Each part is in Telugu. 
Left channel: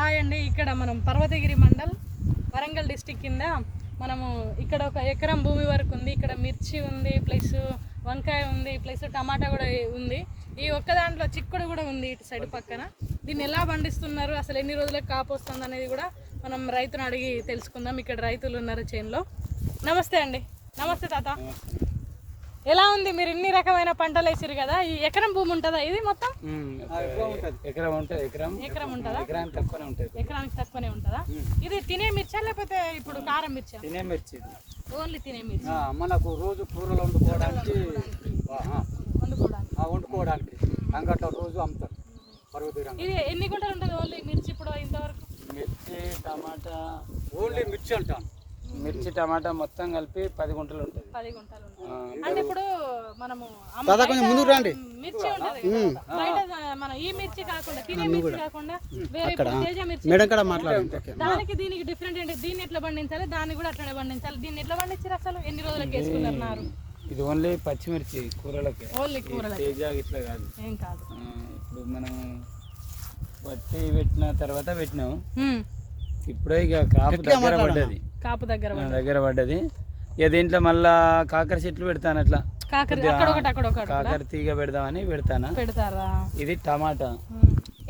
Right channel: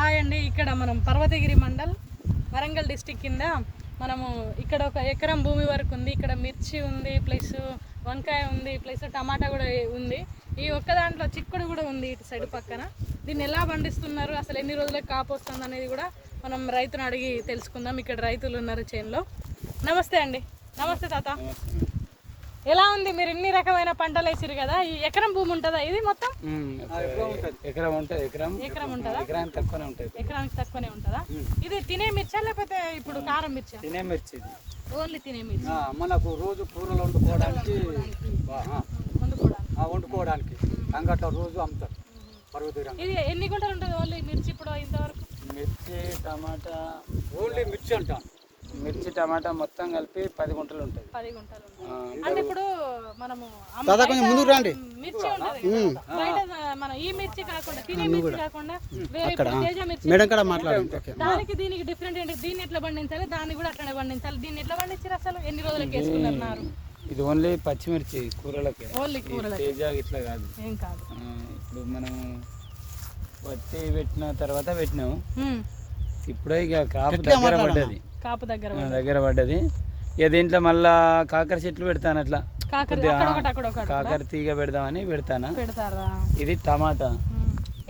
హాయ్ అండి. ఇక్కడ మనం పర్వతగిరి మండల్ వరంగల్ డిస్టిక్ కింద మనము ఇక్కడ ఒక ఎకరం భూమి వరకు ఉంది. ఇక్కడ మిర్చి ఉంది ప్లస్ వంకాయ ఉంది ప్లస్ టమాటా కూడా ఉంది. ఈ ఒక్క దాంట్లో చిక్కుడు కూడా ఉంది ఇటు సైడ్ పక్కన. దీన్ని ఎలా పండిస్తున్నారు? అసలు ఎన్ని రోజులకు కాపు వస్తుంది అనేది కూడా మనం రైతును అడిగి తెలుసుకుందాం. ఇక్కడ రైతులు ఉన్నారు చేనులో నమస్తే అండి. నమస్తే తాత. ఎలా ఉంది? మీరు ఎన్ని రకమైన పంటలు వేసారు కదా ఈ ఎకరం భూమి ఉంటుందా? ఇది మొత్తం? ఎకరం ఉంటుంది. ఎకరం ఎకరం ఉంటుందా? ఎకరానికి తక్కువనే ఉంటుంది. ఎకరానికి తక్కువనే ఉంటుందా? ఇది తినే మిర్చా లేకపోతే ఇప్పుడు కారం మిర్చా? తినే మిర్చి. ఓన్లీ తినే మిర్చి? ఆ, మనకు రోజు కూరలు వండుకోవడానికి ఆ, ఆ, వండుకోవడానికి. అంగట్లో రోజు అమ్ముతారు. ఇది ఎన్ని గుంటలు ఉంటుంది ఓన్లీ మిర్చి ఇప్పుడు ఇంతవరకు? మిర్చి టమాటా ఓన్లీ మిర్చి అంటాను. మిర్చి టమాటా మొత్తం కలిపి పది గుంటలు ఉంటుంది. పది గుంటలు అంటే ఇప్పుడు మనము దాదా కొంచెం ముందుకు రండి. మిర్చి ఉంటుంది బయట మన ఈ మిర్చి కాకుండా తినే మిర్చి కాకుండా వేరే ఇప్పుడు తేజ మిర్చి మేడం కూడా మాట్లాడండి. ఓకే దానికి దీనికి డిఫరెంట్ ఏంటి? దీన్ని ఎట్లా పండించాలి? దాన్ని కూడా అట్లనే పండించాలి. దీన్ని ఎట్లా పండించారు అసలు? ఎన్ని రోజులకి వేసుకున్నారు? నారు ఇది ఓన్లీ పచ్చిమిర్చి కూరలకి. ఓన్లీ తేజ ఇట్లా కాదు. ఏం కాదు. ఇప్పుడు మనం పత్తి పెట్టిన తర్వాత పెట్టినాం ఉమ్. ఇప్పుడే ఇక కాపు దగ్గర పడ్డది. కాపు దగ్గర దగ్గర పడ్డది. ఇక దీంట్లో మళ్ళా కాకర చెట్లు పెడతాను అట్లా. కాకర తీగ పెడదామని పెడతాను? ఇది టమాటా.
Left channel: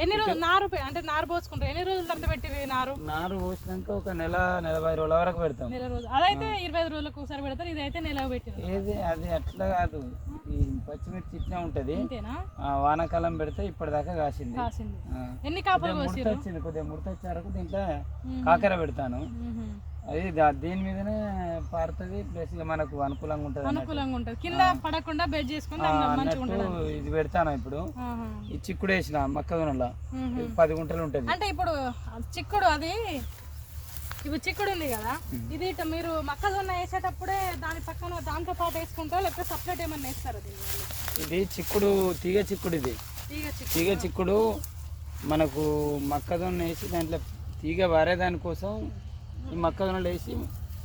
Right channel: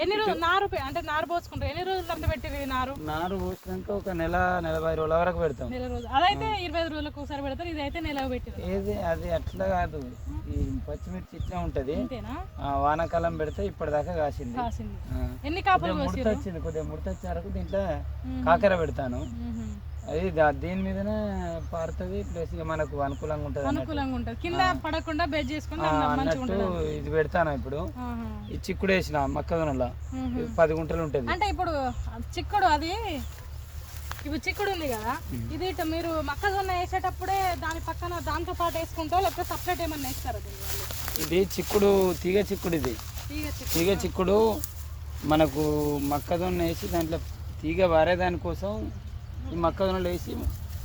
ఎన్ని రోజులు నారు పె- అంటే నారు పోసుకుంటారు. ఎన్ని రోజులు తప్పి పెట్టివి నారు? నారు పోసినాక ఒక నెల నలభై రోజుల వరకు పెడతాం. నెల రోజులు. అదైతే ఇరవై ఐదు రోజులకు ఒకసారి పెడతారు. ఇదైతే నెల పెట్టారు ఏది అది అట్లా కాదు. ఈ పచ్చిమిర్చి ఇట్లా ఉంటది. అంతేనా వానాకాలం పెడితే ఇప్పటిదాకా కాసింది. కాసింది. ఆ. ఎన్ని కాపులు కొద్దిగా ముడత పోసిరు వచ్చింది. కొద్దిగా ముడత వచ్చే వరకు దీంట్లో కాకర పెడతాను. అది దీని మీదనే పారుతుంది ప్లస్ ఇక మనకు అనుకూలంగా ఉంటుంది అనుకూలంగా ఉంటుంది. కింద పడకుండా బెడ్ చేసుకుని అన్నట్టు ఇది పెడతాను ఇప్పుడు. ఈ చిక్కుడు వేసిన మొక్కజొన్నలో పది గుంటలు ఉంటుంది. అంటే ఇప్పుడు చిక్కుడు అది ఇప్పుడు చిక్కుడు ఉంది కదా ఇది మీరు మొక్కజొన్న వేసేటప్పుడే దాని పక్కన దాంతో పాటు వేసుకుంటారా లేకపోతే సపరేట్ ఏమన్నా వేస్తారా? ఇది చిక్కుడు తీగ చిక్కుడు ఇది. తీగ చిక్కుడు. మనకు మొక్కజొన్న వేసి దాంట్లో తీగ వారేదాని కోసం ఈ మొక్కజొన్నలు వేసి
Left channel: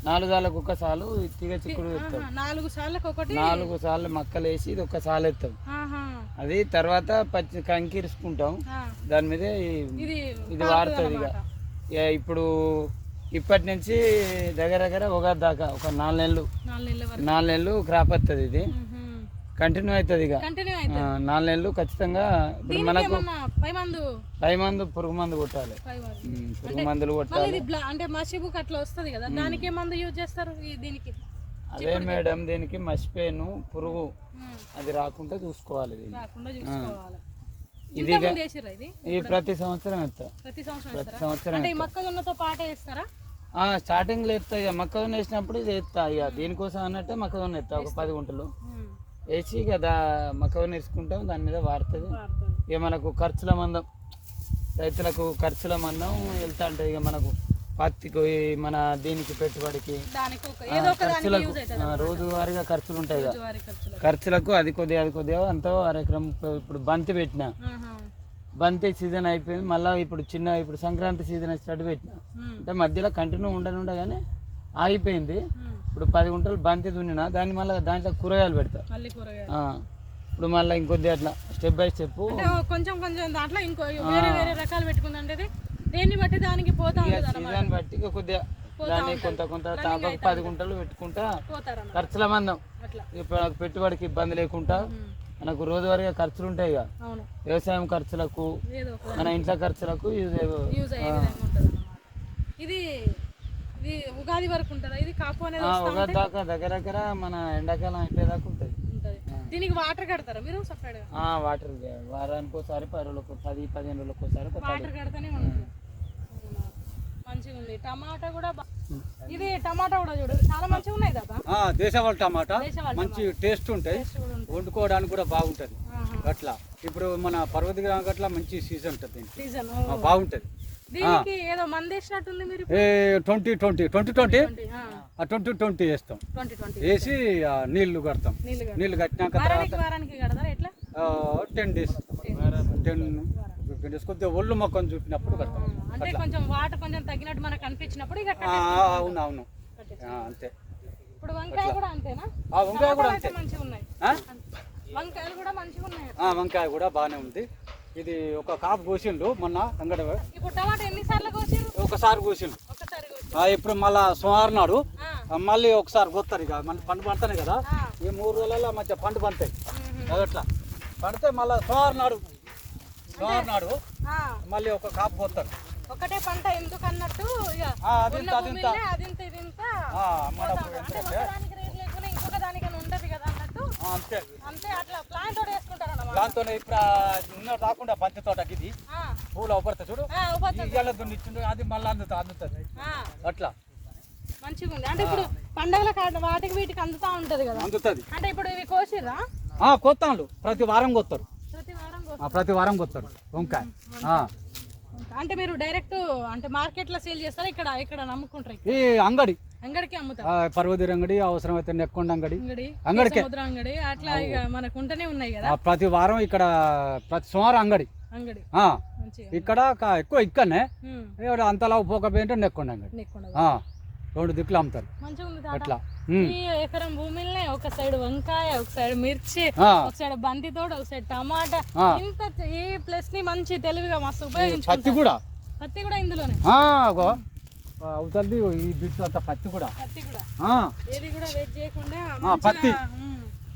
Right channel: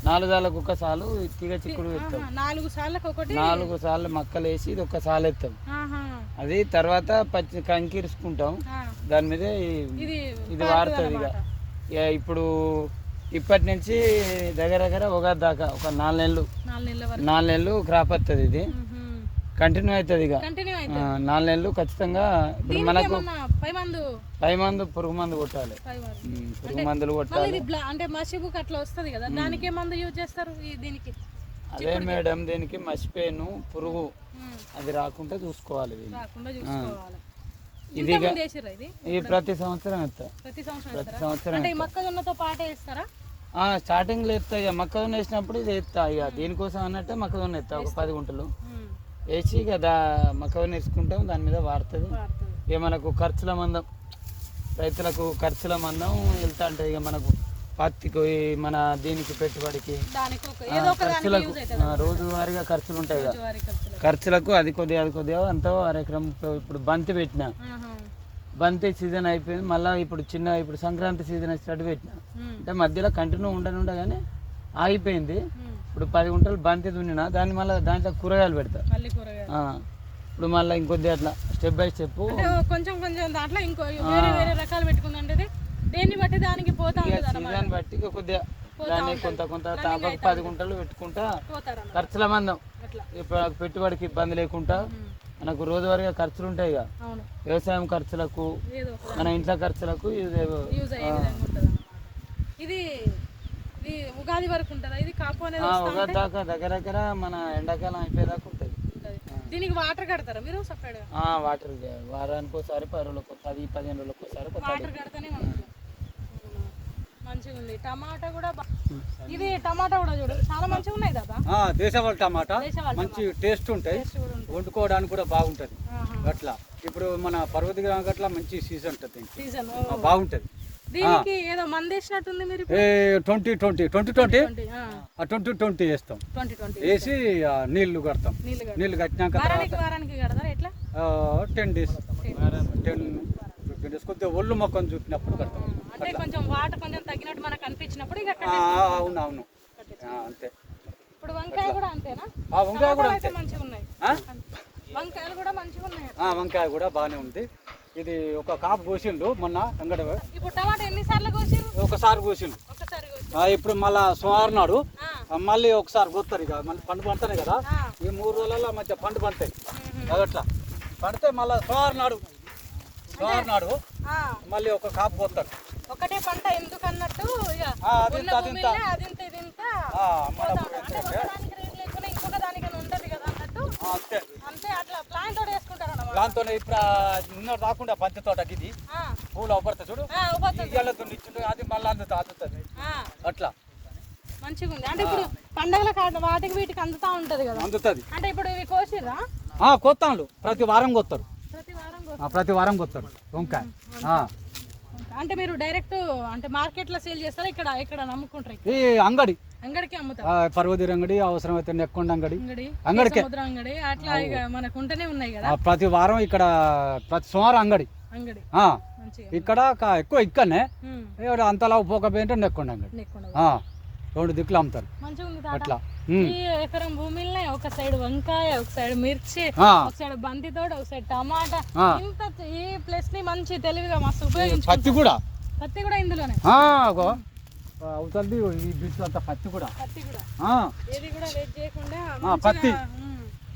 నాలుగు సార్లకు ఒక్కసాలు ఈ తీగ చిక్కుడు ఎత్తాం ఆహా, నాలుగు సార్లకు ఒకటి? నాలుగు సార్లు మొక్కలు వేసి ఇది ఒక్క సాలు ఎత్తాం. అది తర్వాత పచ్చి కంకిరుసుకుంటాం ఆ. దాని మీద ఇది వాడుతుంది ఇక. ఇప్పుడు ఇప్పటి నుంచి దగ్గర దగ్గర ఒక దాకా ఒక నాలుగు నెలలు. నాలుగు నెలలు క్రాప్ వస్తుంది ఇది. కంటిన్యూ అవుతుంది ఇక. కంటిన్యూ ఆ, అయితే నాలుగు నెలలు ఖచ్చితంగా ఇప్పుడు మనకు పై మందు? పై మందు పురుగు మందు కొట్టాలి. పై మందు. ఉమ్, పురుగు మందులు మళ్ళీ కొట్టాలి. ఇది బ్లా- అంటే మసిబుక్ అట్లా వస్తుంది కదా. దానికి ఏ మందు యూజ్ చేస్తారు ఈ దీనికి? అదే మేడం దీనికి మసిపోయాను పురుగు ఉమ్. అది రాకుండా చూసుకోవాలి దీన్ని. రాకుండా చూసుకోవాలి. ఇది వేసిర్రా ఇది? ఇది ప్రతి సంవత్సరం ఎత్తా ప్రతి సంవత్సరం ప్రతి వేస్తారా? సంవత్సరం అంటే ఈ మొక్కజొన్నతో పాటే వేస్తారా? స్టార్టింగ్లో ఎత్తా ఇక. మొక్కజొన్న వేసినప్పుడు ఇది ఎత్తా ఇక. దీనికోసం అన్నట్టే మొక్కజొన్న ఎత్తా ఒక పది గుంటలు. ఉమ్. వేసి ఇక దా మొక్కజొన్న వేసుకుంటాం దాని మీద వాడుతుంది. ఇక మనకు ఖర్చుల మందం రైతులకు ఖర్చుల మందం వెళ్తా ఉంటుంది ఇక మనకు పత్తికి మన దీనికి పెట్టుబడికి ఖర్చులకు రోజువారీగా ఖర్చులు ఉంటాయి కదా. ఖర్చులకు అది కొద్దిగా అది కొద్దిగా అంతా అరెకరం ఇప్పుడు బంతి పెట్టిన. బంతి సీజన్ అయిపోయింది మళ్ళీ ఇప్పుడు చిన్న ఇప్పుడు సంక్రాంతి సీజన్ వచ్చేటట్టు పెట్టిన. అంటే మధ్యలో కంటిన్యూ ఉండనుండగానే ఆగిపోయింది. ఇప్పుడు పది గుంటలు బంతి దున్నిన దాన్ని మళ్ళీ దాంట్లో కూరగాయలు పెడతా. మళ్ళీ కూరగాయలు. ఆ, ఇప్పుడు మళ్ళీ ఇంకొద్ది అట్లా స్టెప్ బై స్టెప్. అంటే కొంచెం కొంచెం దాంట్లో ఇంకో వేరే వేరే రకాలు పెట్టుకుందంటే దేన్ని బట్టి దానికి పోతా ఇక ఉంటుంది అన్నమాట సీజన్ బట్టి ఇక కొద్దిగా దాన్ని కొంత కొంత తాపకు పది గుంటలు పెట్టుకుంటా ఖర్చుల మందం. అట్లా. ఇప్పుడు పెట్టుబడికి ఇబ్బంది లేకుండా. మనకు రోజువారీగా ఖర్చులు ఉంటాయి ఇక. అవును. వ్యవసాయం ఖర్చులకు ఏదో ఒక మన ఇంట్లో ఖర్చులకు ఇది యూజ్ అయ్యే విధంగా ఉంటుంది అన్నమాట ఇది ఇది ఉగాది వరకు ఉంటుందా? ఇది కాపు అనేది వస్తా ఒక దాకా దగ్గర దగ్గర మన ఎండాకాలం అయిపోయేదాకా ఉంటుంది. ఉంటుంది. దీనికి వాటర్ కడతారా మీరు సపరేట్ వాటర్ ఇది. వారానికి ఒకసారి పది రోజులకు పది పదిహేను రోజులకు ఒకసారి వాటర్ కడతానే ఉంటుంది. మంచిగా ఉంది. టమాటా కూడా ఇది టమాటా కూడా చూడు. చాలా మంచిగా ఉన్నాయి కదా ఆ, దేశవాళీ టమాటా. మంచి టేస్ట్ ఉంటాయి. వండుకోవడానికి కూడా బాగుంటుంది. అట్లా. ఇప్పుడు మన పర్వతి గ్రామం అట్లా మంచి సీజన్ ఉంటుంది సీజన్ బాగుంటుంది. Twenty twenty twenty twenty. Twenty ఆ. ట్వంటీ వేస్తాం. వేసి నీళ్ళు కడతాం. నీళ్ళు కట్టినాక తర్వాత ten days. Ten fifteen days. కొద్దిగా ఒళ్ళు మొక్కను చుట్టినప్పుడు కడతాం. అంటే కొంచెం వాటర్ కొంచెం తగ్గినట్టు మనకు అనిపించినప్పుడు ఇక ఆ, కట్టేస్తాం. అవును అవును అంతే. ఇప్పుడు వంకాయ కూడా అంతేనా? వంకాయ కూడా అంతే? వంకాయలు వంకాయ కూడా బాగానే ఉంది. ఇది ఒక కాపు కోసిండు మొన్న అంగడి ఒకసారి కోసిండు. ఇప్పుడు మళ్ళా సోమవారం నాడు మళ్ళీ ఒకసారి కొత్తారు ఇక. మన పండు పండుతాయి కదా. ఈ మూడు రోజులలో మంచిగా పండు పండుతాయి. మ్మ్. అదట్లా పండితే మళ్ళీ సోమవారం నాడు సోమవారం నాడు మళ్ళీ ఒక కాపు ఒకటే పంట ఎందుకు అన్నట్టు అదింత ఆ, అంతే. తోటి దాంతో ఇప్పుడు నిన్న రాకుండా బంతి తోటకి ఇది. పూలు అవపడతాయి చూడు. దున్నిచ్చిండు అది మళ్ళీ అందుతా అందుతుంది అట్లా. మంచిగా ఉంది అంటే ఇప్పుడు పండగల వాటికి వీటికి అందుతా ఉంటది కదా. అందుతుంది. అంటే ఇప్పుడు ఇవి కోసిర్రా? కొత్తాళ్ళు ప్రతి వారం కొత్తారు. ప్రతి వారం కొత్తారు. వంకాయ. అంటే మీరు డైరెక్ట్ అంటే మార్కెట్లో సేల్ చేస్తారా? ఇక్కడ ఇక్కడ నమ్ముకుంటారు ఈ అంగడి. అంగడికి అమ్ముతారు? ఆ, పర్వతీర అంగడి అవసరమైతే నెక్కొండ అంగడి. అంగడి అంగడికే. అంగడి అట్లా మనకు ఉంటేనే ఉన్నాయి కదా? ప్రతి వారం ఇక్కడ ప్రతి సోమవారం అంగడి. అంగడి. ఇక్కడ ఎక్కువ ఇక్కడనే. అంతలా పోకపోయింటే నెక్కొండ అంగడి. రెండు దిక్కులు అమ్ముతారు. అట్లా. ఈ ఎకరం భూమిలోనే ఒక సైడ్ వంకాయ ఒక సైడ్ మిర్చి ఒక సైడ్ బంతి తోట ఒక సైడ్ టమాటా. ఇంత ఈ ప్లేస్ని మంచి తెలివిగా మస్తు పత్తి కూడా? పత్తి కూడా ఇందులోనే? అవుతుంది ఈ బిట్లు అంతా పత్తి కూడా. పత్తి కూడా. ఆ, ఏది కూడా వెయిట్ చేయకుండా పత్తి.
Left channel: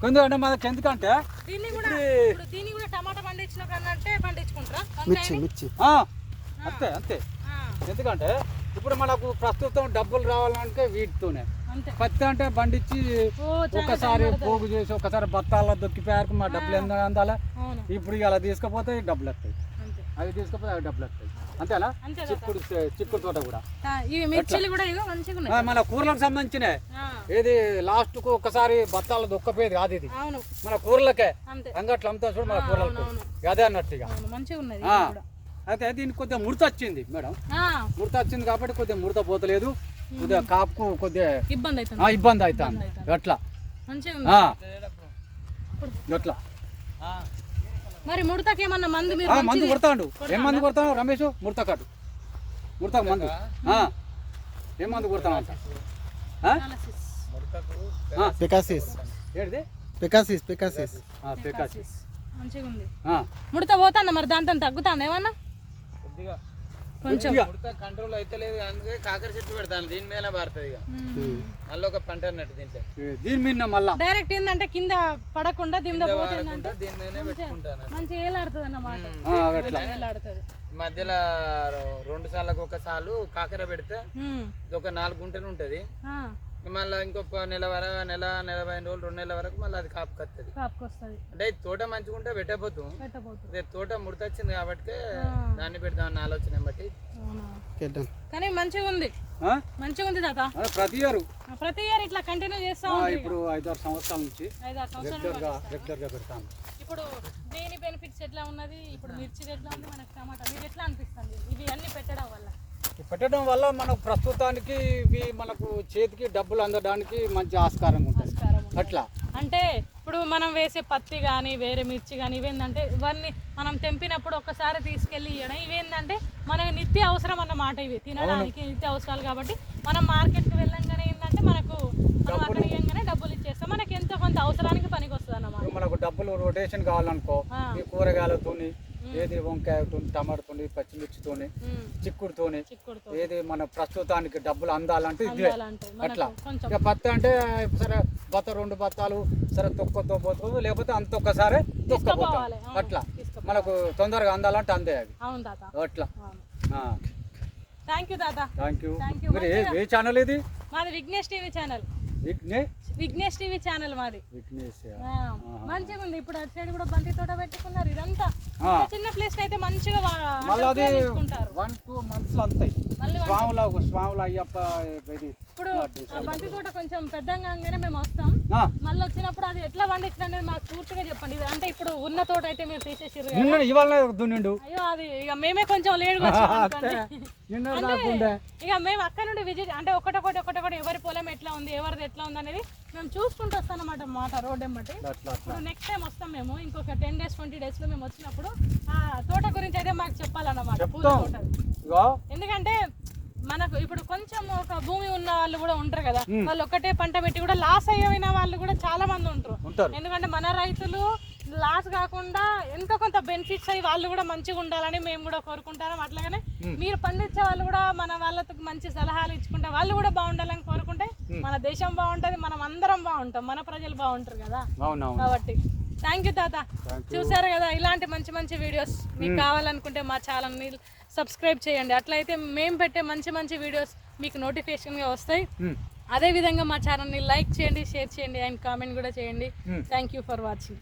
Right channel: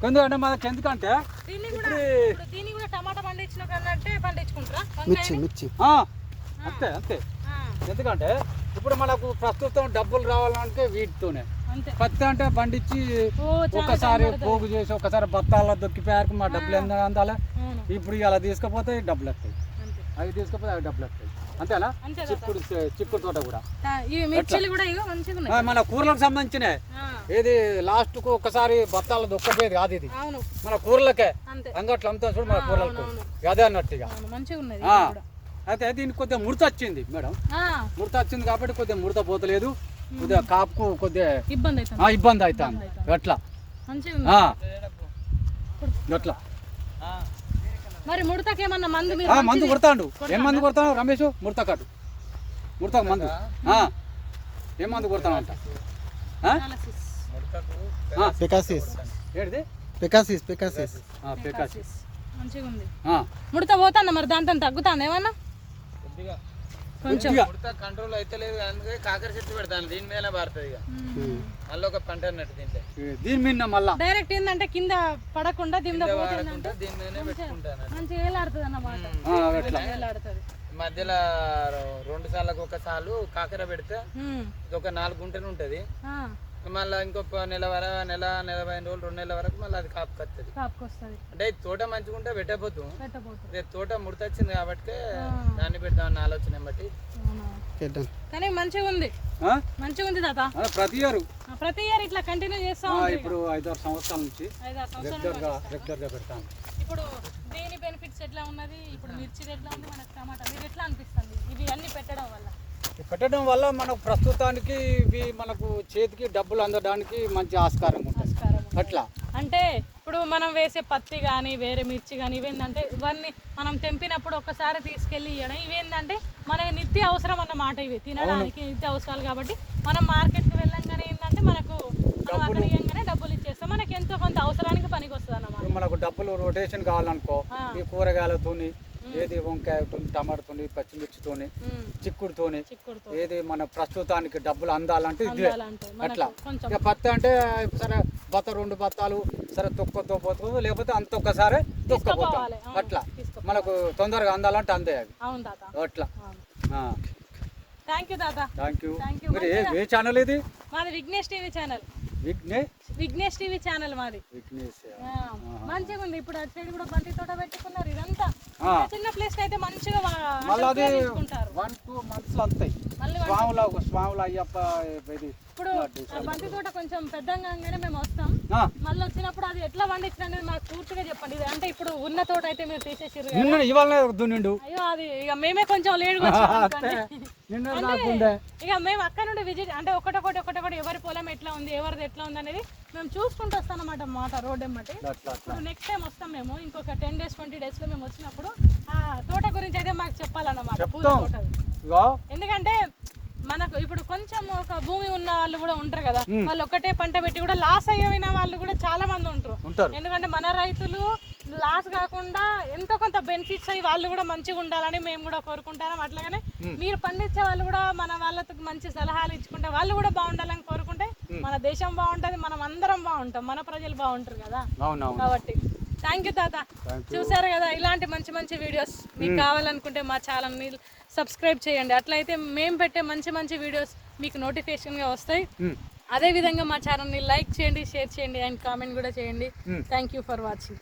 ఎందుకంటే మనకి ఎందుకంటే దీన్ని కూడా ఇప్పుడు దీన్ని కూడా టమాటా పండించిన కన్నట్టే పండించుకుంటారా? మిర్చి ఆ, అంతే అంతే. ఎందుకంటే ఇప్పుడు మనకు ప్రస్తుతం డబ్బులు రావాలంటే వీటితోనే. పత్తి అంటే పండించి ఒకసారి. పోగు చేసి ఒకసారి బత్తాల దొక్కిపోయారు మా డబ్బులు ఎంత అందాలి? ఇప్పుడు ఇలా తీసుకపోతే డబ్బులు వస్తాయి. అంతే. అవి తీసుకపోతే అవి డబ్బులు వస్తాయి. అంతేనా? అంతే. చిక్కుడు చిక్కుడు తోట కూడా. మన కూరలకు సంబంధించిన ఇది లాస్ట్కు ఒకసారి బత్తాల దొక్కపోయేది కాదు ఇది. మన కూరలకే. అంతే. అంగట్లో అమ్ముతాం చూడు మన కూరలకు. అదే అన్నట్టు ఇక. అయితే దీనికి కొద్దిగా ముడత వచ్చింది మేడం. ముడత వచ్చింది కాబట్టి కొద్దిగా ముడత పోతలేదు. కొద్దిగా కాపుకు కొద్దిగా ఇబ్బంది అవుతుంది. ఆ, ఇబ్బంది అవుతుంది. అట్లా. అట్లా మరి ముడతకి ఏమన్నా మంది ఆ, మీరు మందు కొడతాడు. ఏం మందు కొడతావు రమేష్? ముడత కాదు. ముడత మందు. ఆ. ఏం మందు కొడతాను అంట? ఆ? Analysis. పెకాసిస్ ఏంటిది పెకాసిస్ పెకాసిస్ ఆ, పేకాస్. Analysis. మంచిగా ఉంది. ఆ. ముడత పోతాందా మరి? దాంతో తగ్గుతాందా ఏమన్నా? కొంచెం. కంట్రోల్ అయితే లేదు అందుకే కాకర చెట్టు పెడతాను. దీని మీద పారుతుంది ఇక. మళ్ళీ ఒక పంట అన్నట్టు దీంట్లో. దీని మీద మళ్ళా? డైరెక్ట్ ఏంటంటే కింద పడకుండా పోతుందంటే వాడకుండా దీని మీదనే పెట్టుకుంటాను మంచిగా ఏలాడుతుంది అన్నమాట. మధ్యలో రెండు సార్లకు ఒక సాలు కాకర పెడితే. ఇది ఒక నాలుగు గుంటలు ఉంటుంది. ఆ, మళ్ళీ ఇంకొక నెల వర నెల నెల పదిహేను రోజులు రెండు నెలల వరకు మళ్ళీ అది కాపు కత్తది కాపుకొస్తుంది. అంటే తోట మంచిగా ఉంటే పెట్టబోతాం. పెట్టబోతుంది రేపు తోట ముడతొచ్చింది కాబట్టి దాన్ని పెడదామని ఆలోచన బట్టి. చేద్దాం. కానీ మంచిగా ఉంది. ఆ? మంచిగా ఉంది తాత. ప్రతి ఇయర్. ప్రతి ఇయర్ ఇట్లా కంటిన్యూ చేస్తా ఇప్పుడు ఐదారు సంవత్సరాల నుంచి ఐదారు సంవత్సరాలు రెగ్యులర్గా రెగ్యులర్గా పెడతాను ఇప్పుడు దీని బెనిఫిట్స్ ఎట్లా ఉన్నది? ఇప్పుడు మిర్చి ఎట్లా ఉంది? మనకు టమాటా. మీకు ఎట్లా అనిపిస్తుంది? ఇవి అన్ని పెట్టడం వల్ల. పెట్టడం వల్ల మనకు ప్రస్తుతానికి ఇవి మనకు చేతికి డబ్బులు అందడానికి మంచి ఆస్కారం ఉంటుంది. అట్లా. అంటే ఇప్పుడు మనం వేసే పత్తి కానీ వేరే మిర్చి కానీ ఇవేంటంటే ఇవన్నీ మనం తెంపినప్పుడు ఒకసారి తీసుకెళ్ళి ఇవ్వడం ఇవేంటంటే మనకి నిత్య అవసరం అన్నమాట ఇవి. తినడానికి నిత్య అవసరాలు కాబట్టి మనం మార్కెట్కి వెళ్ళంగానే ఏంటంటే మనకు మనం అక్కడ ఇవ్వగానే డబ్బులు ఇచ్చేస్తాం. మనకి ఎంతో కొంత అవసరానికి పనికి వస్తుంది అన్నమాట మనకు డబ్బులు రొటేషన్ కావాలనుకో. ఈ కూరగాయలతోని ఏది వంకాయతోని టమాటాతోని పచ్చిమిర్చితోని చిక్కుడుతోని చిక్కుడుతో ఏది మన ప్రస్తుతానికి డబ్బులు అందాలంటే ఇదే. అట్లా. ఇక పత్తి అంటే సరే బత్త రెండు బత్తాలు సరే తొక్కతో పోతుంది లేకపోతే అంత ఒక్కసారి తొక్కపోతాం అట్లా. మనకు తొందరగా అందాలంటే అందే అది. అట్లా. థ్యాంక్ యూ తాత. Thank you. మీరు ఏ ఛానల్ ఇది? మాది Vignesh TV channel Vignesh Vignesh TV channel మాది. మంచిగా ఉంది. ఇప్పుడు అటు సైడ్ కూడా బంతి తోట పెట్టుకున్నారు. ఇదంతా చిన్న ప్లేస్ అయితే మంచిగా మళ్ళీ వన్ టూ మంత్స్లో అంతాయి. స్వాముల స్వాముల అయ్యప్ప ఇది ఇప్పుడు బంతి తోట కొంచెం పెద్దగా మేము వస్తాం. ఆ, మళ్ళీ వచ్చినప్పుడు అది ఎట్లా పండించిన అనేది మాకు పూర్తిగా చెప్పండి. ఇది అంటే ఇప్పుడు ఉన్న తోట అయితే మీరు తీసేసారు కదా. నిన్న ఇవాళ దున్నిండు. అయ్యో అది ఇక మేమే కొంచెం నాకుండే ఇక మేము అక్కడ నుండి విజిట్ అంటే ఒకటొకటి ఒకటొకటి ఎవరి పొలం ఎట్లా ఉంది ఎవరిది ఎట్లా ఉంది అనేది మేము చూసుకుంటూ వస్తాం అన్నమాట మాట రోడ్ అట్లా ఇప్పుడు నెక్స్ట్ టైం వస్తాం మేము. ఇంకొక టెన్ డేస్ ట్వంటీ డేస్లో మేము వచ్చినప్పుడు ఆ తోట గురించి అయితే మాకు చెప్పాలన్నమాట పూల. తోట ఇగో. ఎందుకంటే మనకు ఇప్పుడు కొంచెం ఒక భూమి ఉన్న వాళ్ళు కూడా ఉంటారు కదా వాళ్ళు ఒక్కటే పంట పెట్టి కూడా లాస్ అయ్యిన వాళ్ళు కూడా చాలా మంది ఉంటారు. ఎందుకంటే మన రైతులు లాస్ కాకుండా ఎంతో కొంత బెనిఫిట్స్ అయ్యి వాళ్ళు కూడా మంచిగా ఉండాలని మేము కూడా కోరుకుంటాం అట్లాగనే మీరు పండించే వాళ్ళు కూడా మన వాళ్ళతో మంచి సలహాలు ఇచ్చుకుంటే వాళ్ళు కూడా బాగుండాలని కోరుకుంటే మన దేశం బాగుంటది మనం అందరం బాగుంటాం మన ప్రజలు బాగుంటారు కదా. కాబట్టి థ్యాంక్ యూ తాత. చూసారు కదా ఇలాంటి మంచి మంచి వీడియోస్ మీకు కావాలనుకుంటే మా ఛానల్ని సబ్స్క్రైబ్ చేయండి. అట్లయితే మేము పెట్టే మంచి మంచి వీడియోస్ మీకు నోటిఫికేషన్గా వస్తాయి. అదేవిధంగా మా ఛానల్ని లైక్ చేయండి షేర్ చేయండి అండ్ కామెంట్ కూడా చేయండి. Thank you for watching